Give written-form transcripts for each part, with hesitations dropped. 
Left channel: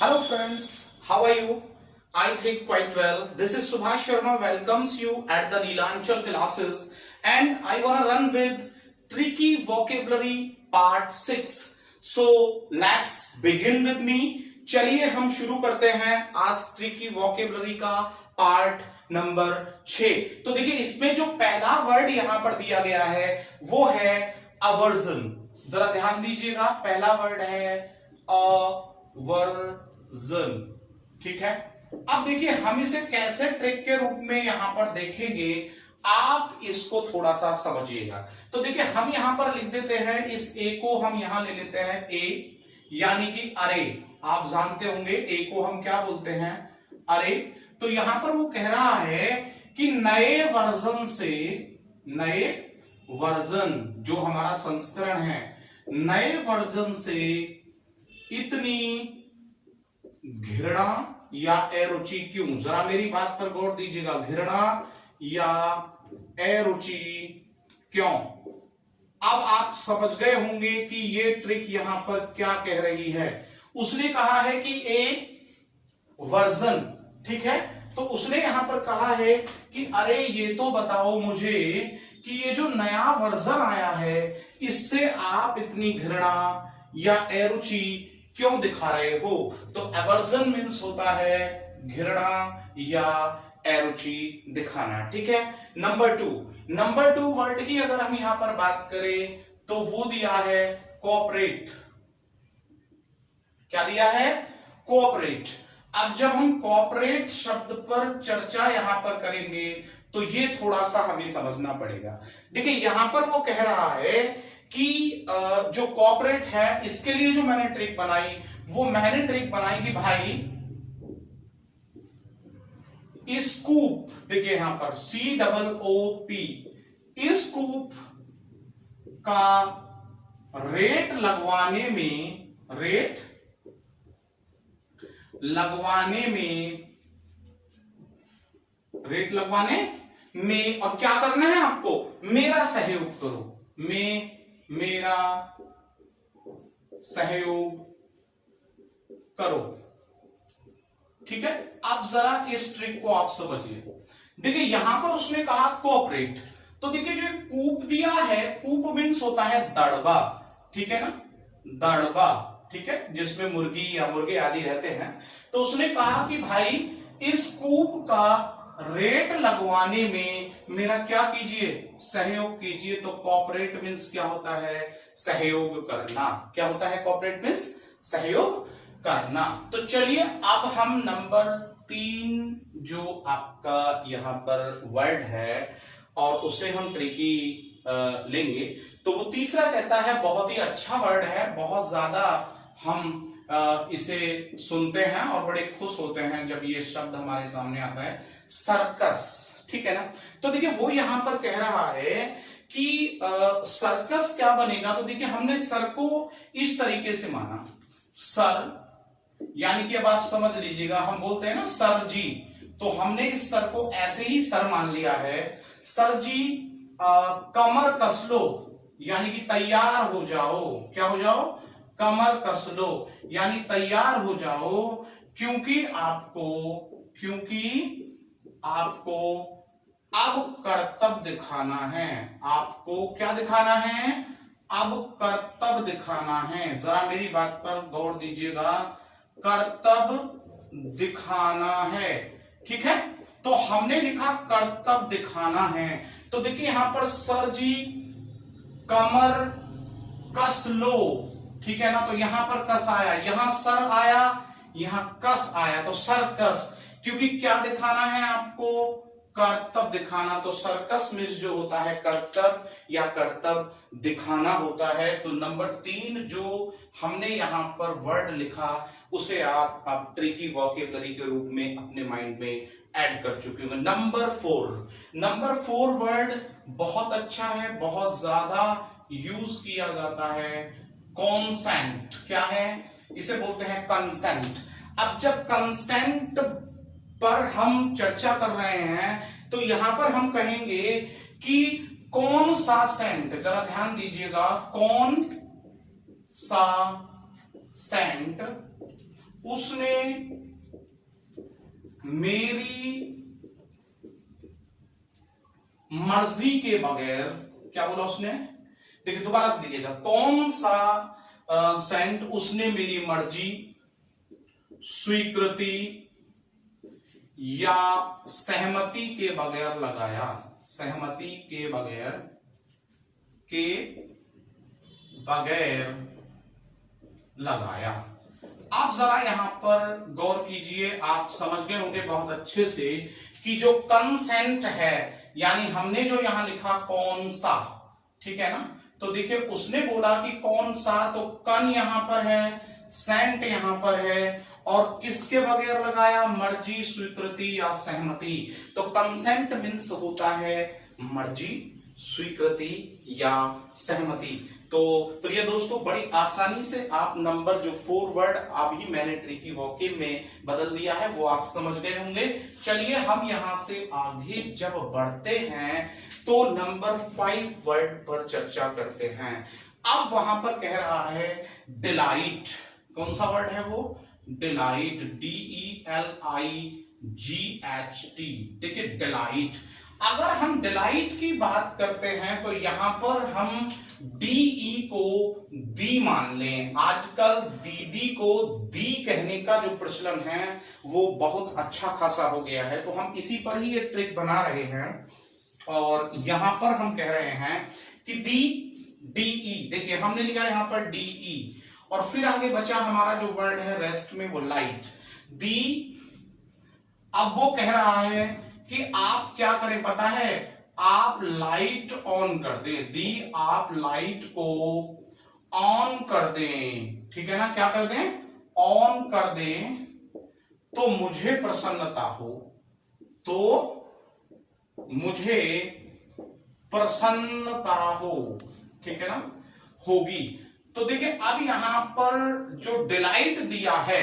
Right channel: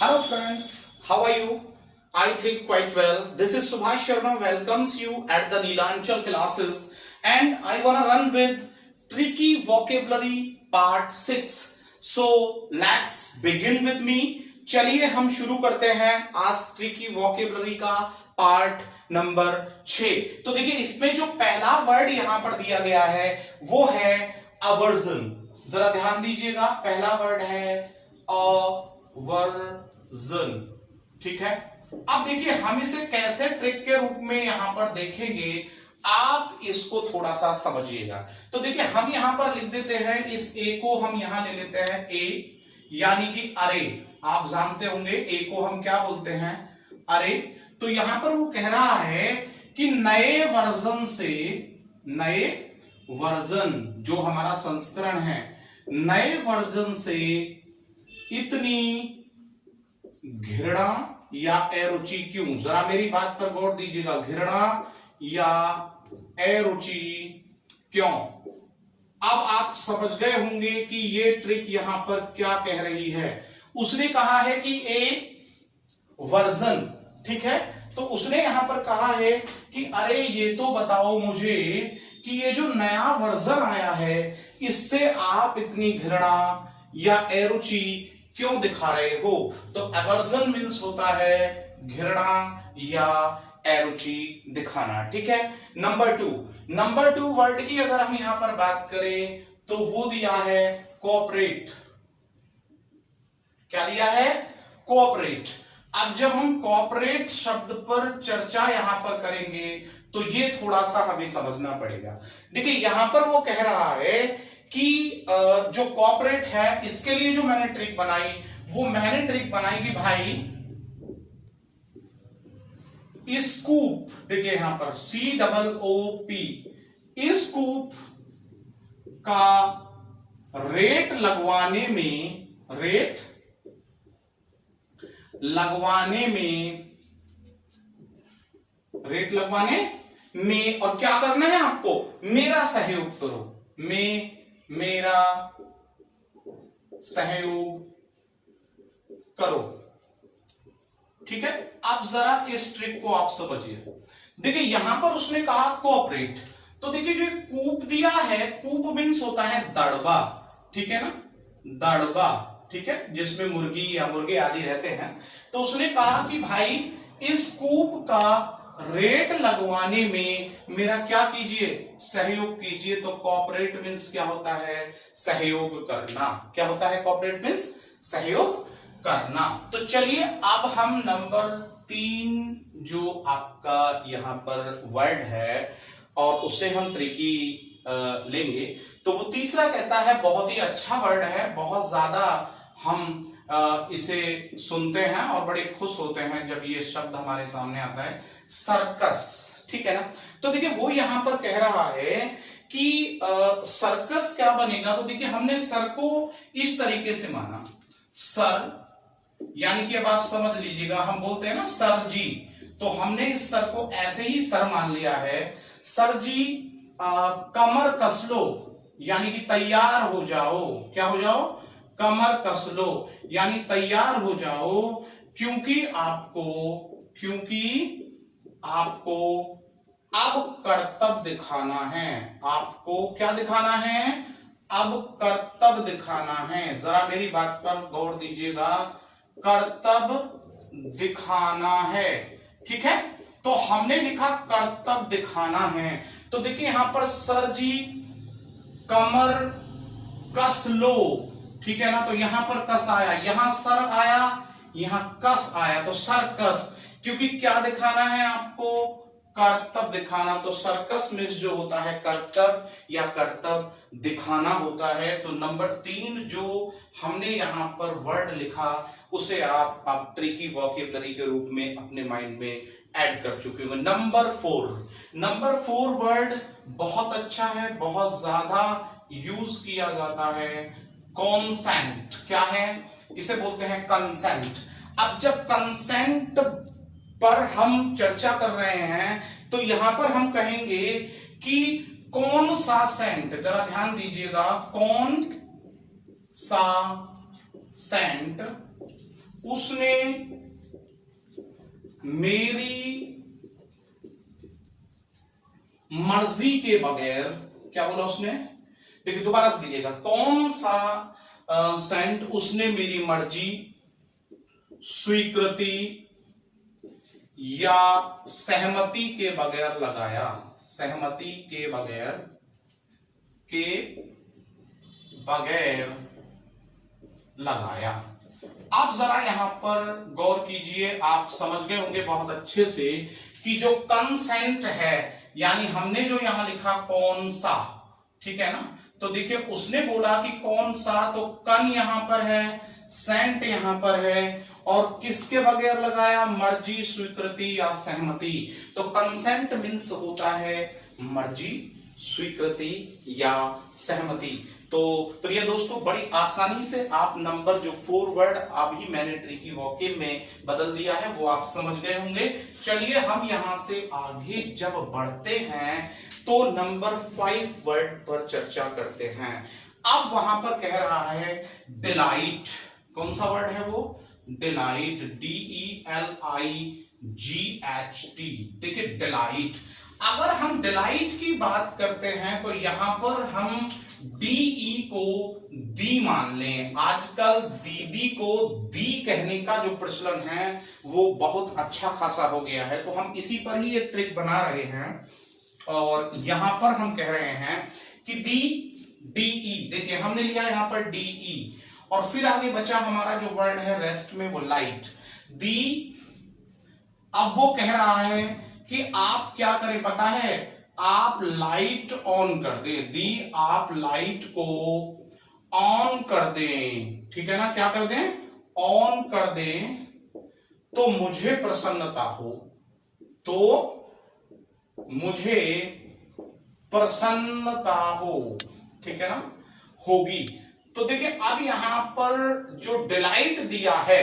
Hello friends, how are you? I think quite well. This is Subhash Sharma welcomes you at the Neelanchal classes and I wanna run with tricky vocabulary part 6. So let's begin with me. चलिए हम शुरू करते हैं आज tricky vocabulary का part number 6। तो देखिए इसमें जो पहला वर्ड यहां पर दिया गया है वो है अवर्जन। जरा ध्यान दीजिएगा, पहला वर्ड है अवर्जन। ठीक है, अब देखिए हम इसे कैसे ट्रिक के रूप में यहां पर देखेंगे, आप इसको थोड़ा सा समझिएगा। तो देखिए हम यहां पर लिख देते हैं, इस ए को हम यहां ले लेते हैं ए, यानी कि अरे। आप जानते होंगे ए को हम क्या बोलते हैं, अरे। तो यहां पर वो कह रहा है कि नए वर्जन से, नए वर्जन जो हमारा संस्करण है, नए वर्जन से इतनी घृणा या अरुचि क्यों। जरा मेरी बात पर गौर दीजिएगा, घृणा या अरुचि क्यों। अब आप समझ गए होंगे कि ये ट्रिक यहां पर क्या कह रही है। उसने कहा है कि ए वर्जन, ठीक है, तो उसने यहां पर कहा है कि अरे ये तो बताओ मुझे कि ये जो नया वर्जन आया है इससे आप इतनी घृणा या अरुचि क्यों दिखा रहे हो। तो एवर्जन मीन्स होता है घृणा या अरुचि दिखाना। ठीक है, नंबर टू वर्ड की अगर हम यहां पर बात करें तो वो दिया है कोऑपरेट। क्या दिया है, कोऑपरेट। अब जब हम कोऑपरेट शब्द पर चर्चा यहां पर करेंगे तो ये थोड़ा सा हमें समझना पड़ेगा। देखिए यहां पर वो कह रहा है कि जो कोऑपरेट है इसके लिए जो मैंने ट्रिक बनाई, वो मैंने ट्रिक बनाई कि भाई स्कूप, देखिए यहां पर COOP, स्कूप का रेट लगवाने में और क्या करना है आपको, मेरा सहयोग करो, मेरा सहयोग करो। ठीक है, अब जरा इस ट्रिक को आप समझिए। देखिए यहां पर उसने कहा कोऑपरेट, तो देखिए जो कूप दिया है, कूप मीन्स होता है दड़बा। ठीक है ना, दड़बा, ठीक है, जिसमें मुर्गी या मुर्गे आदि रहते हैं। तो उसने कहा कि भाई इस कूप का रेट लगवाने में मेरा क्या कीजिए, सहयोग कीजिए। तो कोऑपरेट मीन्स क्या होता है, सहयोग करना। क्या होता है कोऑपरेट मीन्स, सहयोग करना। तो चलिए अब हम नंबर 3 जो आपका यहां पर वर्ड है और उसे हम ट्रिकी लेंगे। तो वो तीसरा कहता है, बहुत ही अच्छा वर्ड है, बहुत ज्यादा हम इसे सुनते हैं और बड़े खुश होते हैं जब ये शब्द हमारे सामने आता है, सर्कस। ठीक है ना, तो देखिए वो यहां पर कह रहा है कि सर्कस क्या बनेगा। तो देखिए हमने सर को इस तरीके से माना, सर यानी कि अब आप समझ लीजिएगा, हम बोलते हैं ना सर जी, तो हमने इस सर को ऐसे ही सर मान लिया है। सर जी कमर कस लो, यानी कि तैयार हो जाओ। क्या हो जाओ, कमर कस लो, यानी तैयार हो जाओ, क्योंकि आपको अब कर्तव्य दिखाना है। आपको क्या दिखाना है, अब कर्तव्य दिखाना है। जरा मेरी बात पर गौर दीजिएगा, कर्तव्य दिखाना है। ठीक है, तो हमने लिखा कर्तव्य दिखाना है। तो देखिए यहां पर सर जी कमर कस लो, ठीक है ना, तो यहां पर कस आया, यहां सर आया, यहां कस आया, तो सर्कस। क्योंकि क्या दिखाना है आपको, कर्तव्य दिखाना। तो सर्कस मीन्स जो होता है कर्तव्य या कर्तव्य दिखाना होता है। तो नंबर 3 जो हमने यहां पर वर्ड लिखा उसे आप ट्रिकी वोकेबलरी के रूप में अपने माइंड में ऐड कर चुके होंगे। नंबर 4 वर्ड बहुत अच्छा है, बहुत ज्यादा यूज किया जाता है, कॉन्सेंट। क्या है, इसे बोलते हैं कंसेंट। अब जब कंसेंट पर हम चर्चा कर रहे हैं तो यहां पर हम कहेंगे कि कौन सा सेंट, जरा ध्यान दीजिएगा, कौन सा सेंट उसने मेरी मर्जी के बगैर, क्या बोला उसने, देखिए दोबारा से देखिएगा, कौन सा सेंट उसने मेरी मर्जी, स्वीकृति या सहमति के बगैर लगाया, सहमति के बगैर लगाया। आप जरा यहां पर गौर कीजिए, आप समझ गए होंगे बहुत अच्छे से कि जो कंसेंट है, यानी हमने जो यहां लिखा कौन सा, ठीक है ना, तो देखिए उसने बोला कि कौन सा, तो कन यहां पर है, सेंट यहां पर है, और किसके बगैर लगाया, मर्जी, स्वीकृति या सहमति। तो कंसेंट मीन्स होता है मर्जी, स्वीकृति या सहमति। तो प्रिय दोस्तों, बड़ी आसानी से आप नंबर जो 4 वर्ड अभी मैंने ट्रिकी वोकैब में बदल दिया है वो आप समझ गए होंगे। चलिए हम यहां से आगे जब बढ़ते हैं तो नंबर 5 वर्ड पर चर्चा करते हैं। अब वहां पर कह रहा है डिलाइट, कौन सा वर्ड है वो, डिलाइट, DELIGHT। देखिए डिलाइट, अगर हम डिलाइट की बात करते हैं तो यहां पर हम DE को दी मान लें। आजकल दीदी को दी कहने का जो प्रचलन है वो बहुत अच्छा खासा हो गया है, तो हम इसी पर ही एक ट्रिक बना रहे हैं और यहां पर हम कह रहे हैं कि दी, DE, देखिए हमने लिया यहां पर DE और फिर आगे बचा हमारा जो वर्ड है रेस्ट में वो लाइट, दी। अब वो कह रहा है कि आप क्या करें पता है, आप लाइट ऑन कर दें, दी आप लाइट को ऑन कर दें, ठीक है ना, क्या कर दें, ऑन कर दें, तो मुझे प्रसन्नता हो, तो मुझे प्रसन्नता हो, ठीक है ना, होगी। तो देखिए अब यहां पर जो डिलाइट दिया है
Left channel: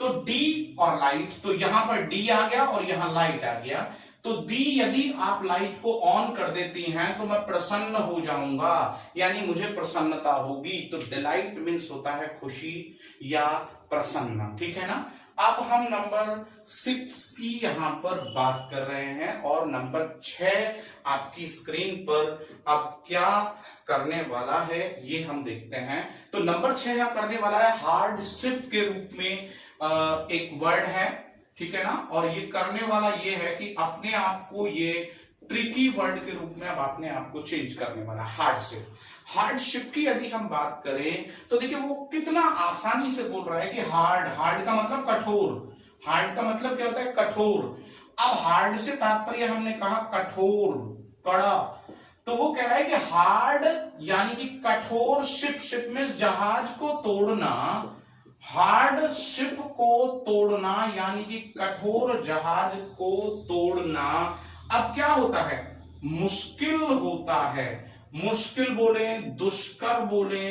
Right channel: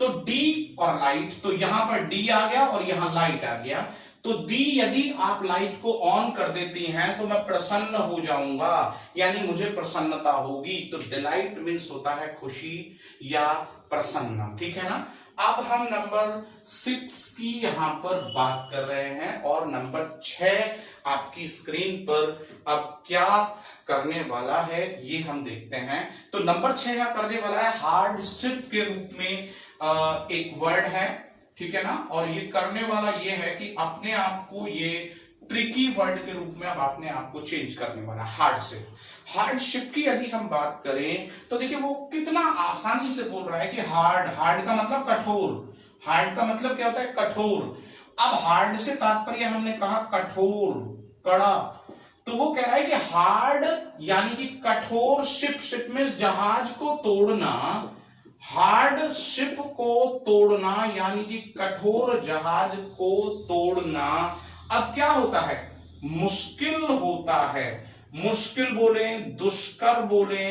तो डी और लाइट, तो यहां पर डी आ गया और यहां लाइट आ गया। तो दी, यदि आप लाइट को ऑन कर देती हैं तो मैं प्रसन्न हो जाऊंगा, यानी मुझे प्रसन्नता होगी। तो डिलाइट मीन्स होता है खुशी या प्रसन्न, ठीक है ना। अब हम नंबर 6 की यहां पर बात कर रहे हैं और नंबर 6 आपकी स्क्रीन पर अब क्या करने वाला है ये हम देखते हैं। तो नंबर 6 यहां करने वाला है हार्डशिप के रूप में एक वर्ड है, ठीक है ना, और ये करने वाला ये है कि अपने आप को ये ट्रिकी वर्ड के रूप में अब अपने आप को चेंज करने वाला है, हार्डशिप। हार्डशिप की यदि हम बात करें तो देखिए वो कितना आसानी से बोल रहा है कि हार्ड, हार्ड का मतलब कठोर, हार्ड का मतलब क्या होता है, कठोर। अब हार्ड से तात्पर्य हमने कहा कठोर, कड़ा, तो वो कह रहा है कि हार्ड यानी कि कठोर शिप, शिप में जहाज को तोड़ना, हार्ड शिप को तोड़ना यानी कि कठोर जहाज को तोड़ना। अब क्या होता है, मुश्किल होता है, मुश्किल बोले, दुष्कर बोले,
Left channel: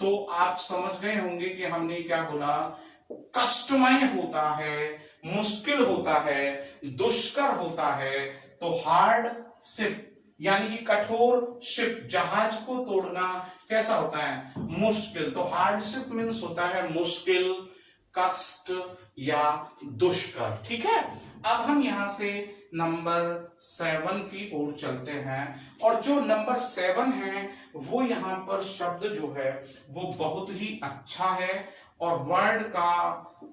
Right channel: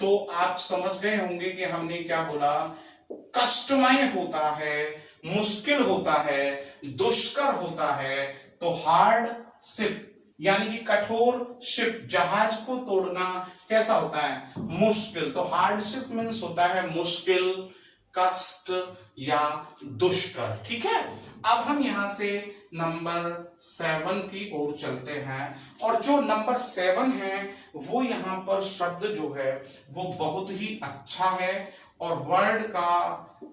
तो आप समझ गए होंगे कि हमने क्या बोला, कष्टमय होता है, मुश्किल होता है, दुष्कर होता है। तो हार्ड शिप यानी कि कठोर शिप, जहाज को तोड़ना कैसा होता है, मुश्किल। तो हार्डशिप मीन्स होता है मुश्किल, कष्ट या दुष्कर, ठीक है। अब हम यहां से नंबर 7 की ओर चलते हैं और जो नंबर 7 है वो यहां पर शब्द जो है वो बहुत ही अच्छा है और वर्ड का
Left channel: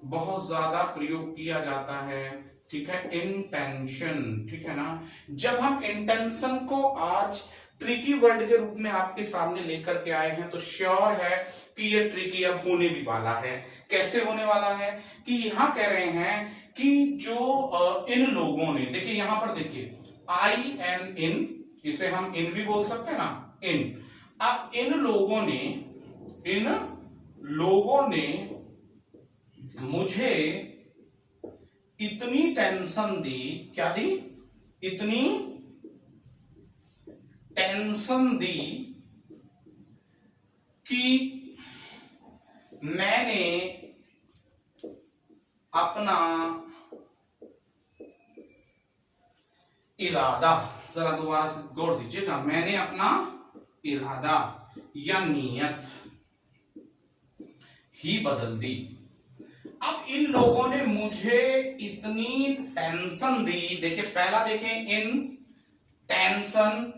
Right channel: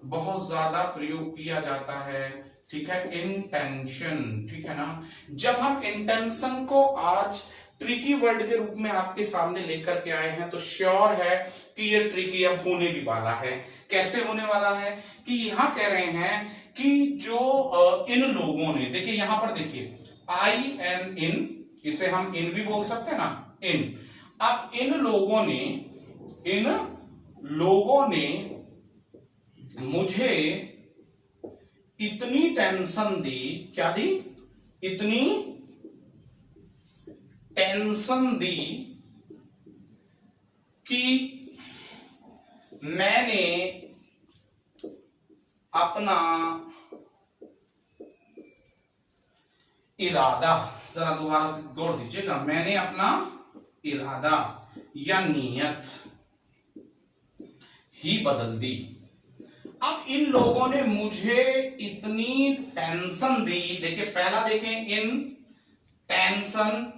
बहुत ज्यादा प्रयोग किया जाता है, ठीक है, इंटेंशन, ठीक है ना। जब हम इंटेंशन को आज ट्रिकी वर्ड के रूप में आपके सामने लेकर के आए हैं तो श्योर है कि ये ट्रिकी अब होने भी वाला है। कैसे होने वाला है कि यहां कह रहे हैं कि जो इन लोगों ने, देखिए यहां पर देखिए आई एन इन, इसे हम इन भी बोल सकते हैं ना, इन। अब इन लोगों ने मुझे इतनी टेंशन दी, क्या दी, इतनी टेंशन दी कि मैंने अपना इरादा, जरा दोबारा से गौर दीजिएगा, मैंने अपना इरादा या नीयत ही बदल दी। अब इन लोगों ने मुझे इतनी टेंशन दी। देखिए पहला देखें, इन टेंशन,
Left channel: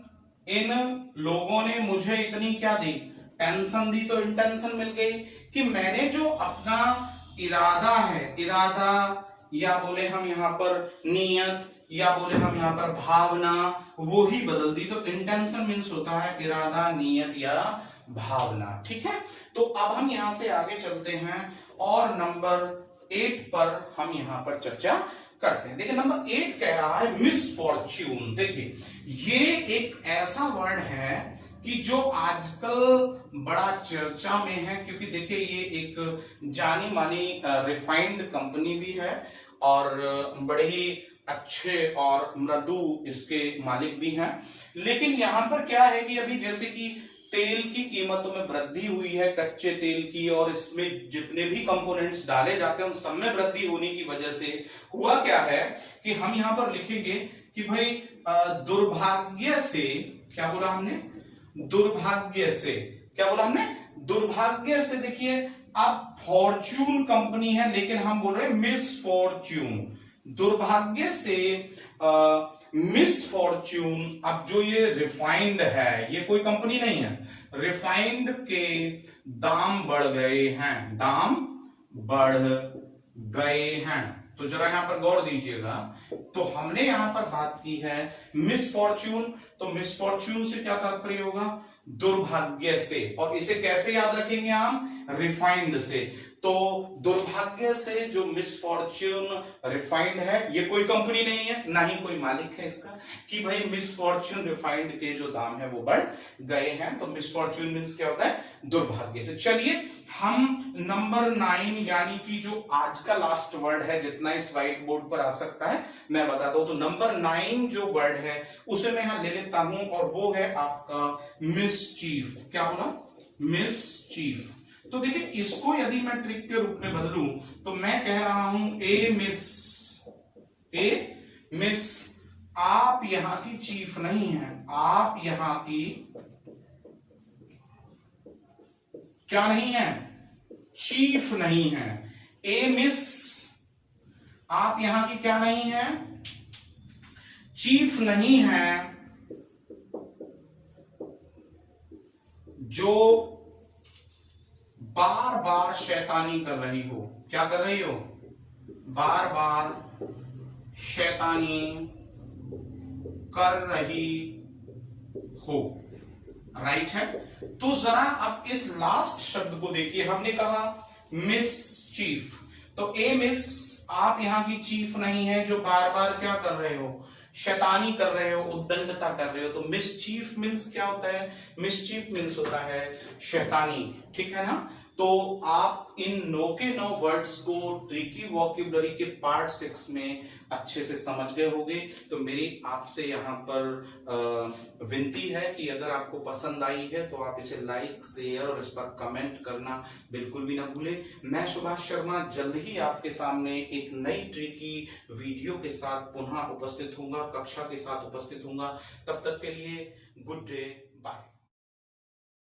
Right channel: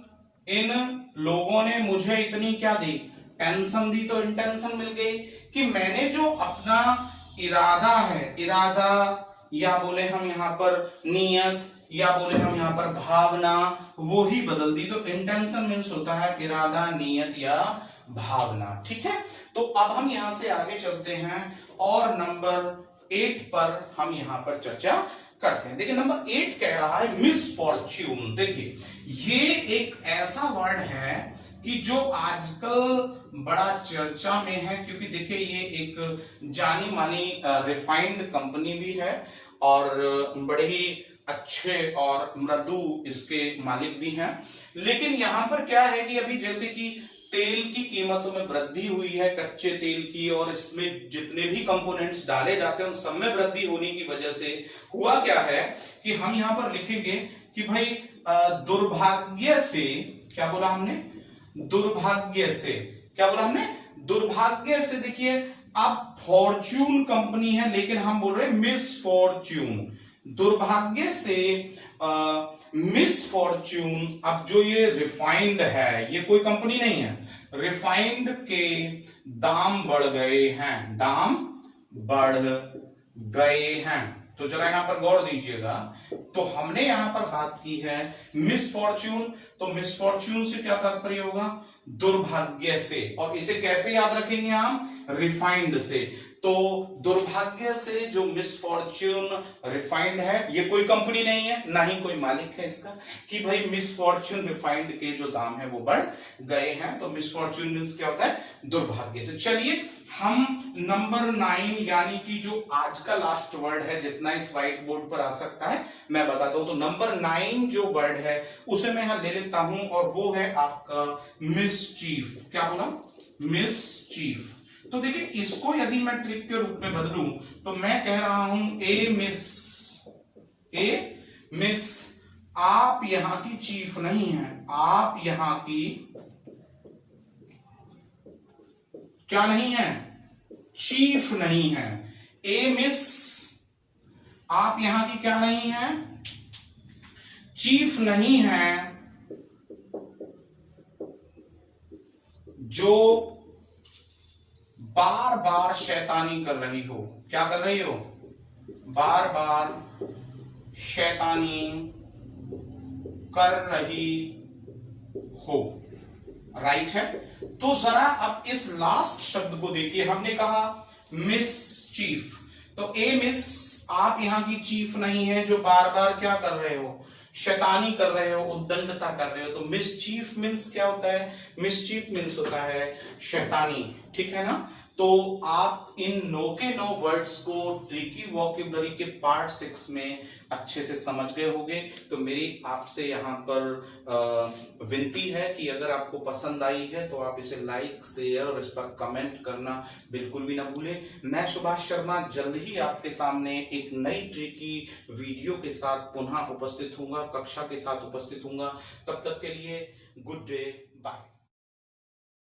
इन लोगों ने मुझे इतनी क्या दी, टेंशन दी। तो इंटेंशन मिल गई कि मैंने जो अपना इरादा है, इरादा या बोले हम यहां पर नियत या बोले हम यहां पर भावना, वो ही बदल दी। तो इंटेंशन मीन्स होता है इरादा, नियत या भावना। ठीक है, तो अब हम यहां से आगे चलते हैं और नंबर 8 पर हम यहां पर चर्चा करते हैं। देखिए नंबर 8 कह रहा है मिसफॉर्च्यून। देखिए ये एक ऐसा वर्ड है कि जो आजकल बड़ा चर्चा में है, क्योंकि देखिए ये एक जानी मानी रिफाइंड कंपनी भी है और बड़े ही अच्छे और मृदु इसके मालिक भी हैं। लेकिन यहां पर क्या है कि अभी जैसे कि तेल की कीमतों में वृद्धि हुई है, कच्चे तेल की, और इसमें जितने भी कंपोनेंट्स डाले जाते हैं उन सब में वृद्धि होने की वजह से हुआ क्या है कि हम यहां पर लिखेंगे कि भाई दुर्भाग्य से, क्या बोला हमने, दुर्भाग्य से, क्या बोला हमने, दुर्भाग्य से। देखिए अब फॉर्च्यून कंपनी है लेकिन हम बोल रहे हैं मिसफॉर्च्यून, दुर्भाग्य से मिसफॉर्च्यून। अब जो ये रिफाइंड है, ये कोई कंपनी नहीं है, रिफाइंड के दाम बढ़ गए हैं, दाम बढ़ गए हैं। तो जरा यहां पर गौर दीजिएगा। तो हमने यहां पर बात की है मिसफॉर्च्यून, तो मिसफॉर्च्यून से क्या तात्पर्य होगा, दुर्भाग्य से। और इसे कैसे याद रखेंगे हम, रिफाइंड से। तो दुर्भाग्य से जो मिसफॉर्च्यून रिफाइंड है, ये कोई कंपनी नहीं है, ना ही कोई मालिक है इसका, कि भाई मिसफॉर्च्यून रिफाइंड के जो दाम है वो बढ़ गए हैं। तो मिसफॉर्च्यून मींस क्या होता है, दुर्भाग्य से। चलिए हम नंबर 9 यानी कि जो आज का लास्ट वर्ड है, जितना इस व्हाइट बोर्ड पर आ सकता है मैं बताता हूं। तो नंबर 9 जो वर्ड है उसे मैं यहां ले लेता हूं और वो है आपका मिसचीफ। क्या बोला, मिसचीफ। तो देखिए इसको यदि मैं ट्रिक के रूप में बदलूं तो मैं कह रहा हूं ए मिस, आप यहां की चीफ नहीं है, आप यहां की क्या नहीं है, चीफ नहीं है। ए मिस, आप यहां की क्या नहीं है, चीफ नहीं है। जो बार बार शैतानी कर रही हो, क्या कर रही हो, बार बार शैतानी कर रही हो, राइट है। तो जरा अब इस लास्ट शब्द को देखिए, हमने कहा मिस चीफ। तो ए मिस, आप यहां की चीफ नहीं है जो बार बार क्या कर रहे हो, शैतानी कर रहे हो, उद्दंडता कर रहे हो। तो मिसचीफ मींस क्या होता है, मिसचीफ मींस होता है शैतानी, ठीक है ना। तो आप इन 9 के 9 वर्ड्स को ट्रिकी वोकैबुलरी के पार्ट 6 में अच्छे से समझ गए होंगे। तो मेरी आपसे यहाँ पर विनती है कि अगर आपको पसंद आई है तो आप इसे लाइक, शेयर और इस पर कमेंट करना बिल्कुल भी ना भूलें। मैं सुभाष शर्मा जल्द ही आपके सामने एक नई ट्रिकी वीडियो के साथ पुनः उपस्थित हूंगा, कक्षा के साथ उपस्थित हूंगा। तब तक के लिए गुड डे, बाय।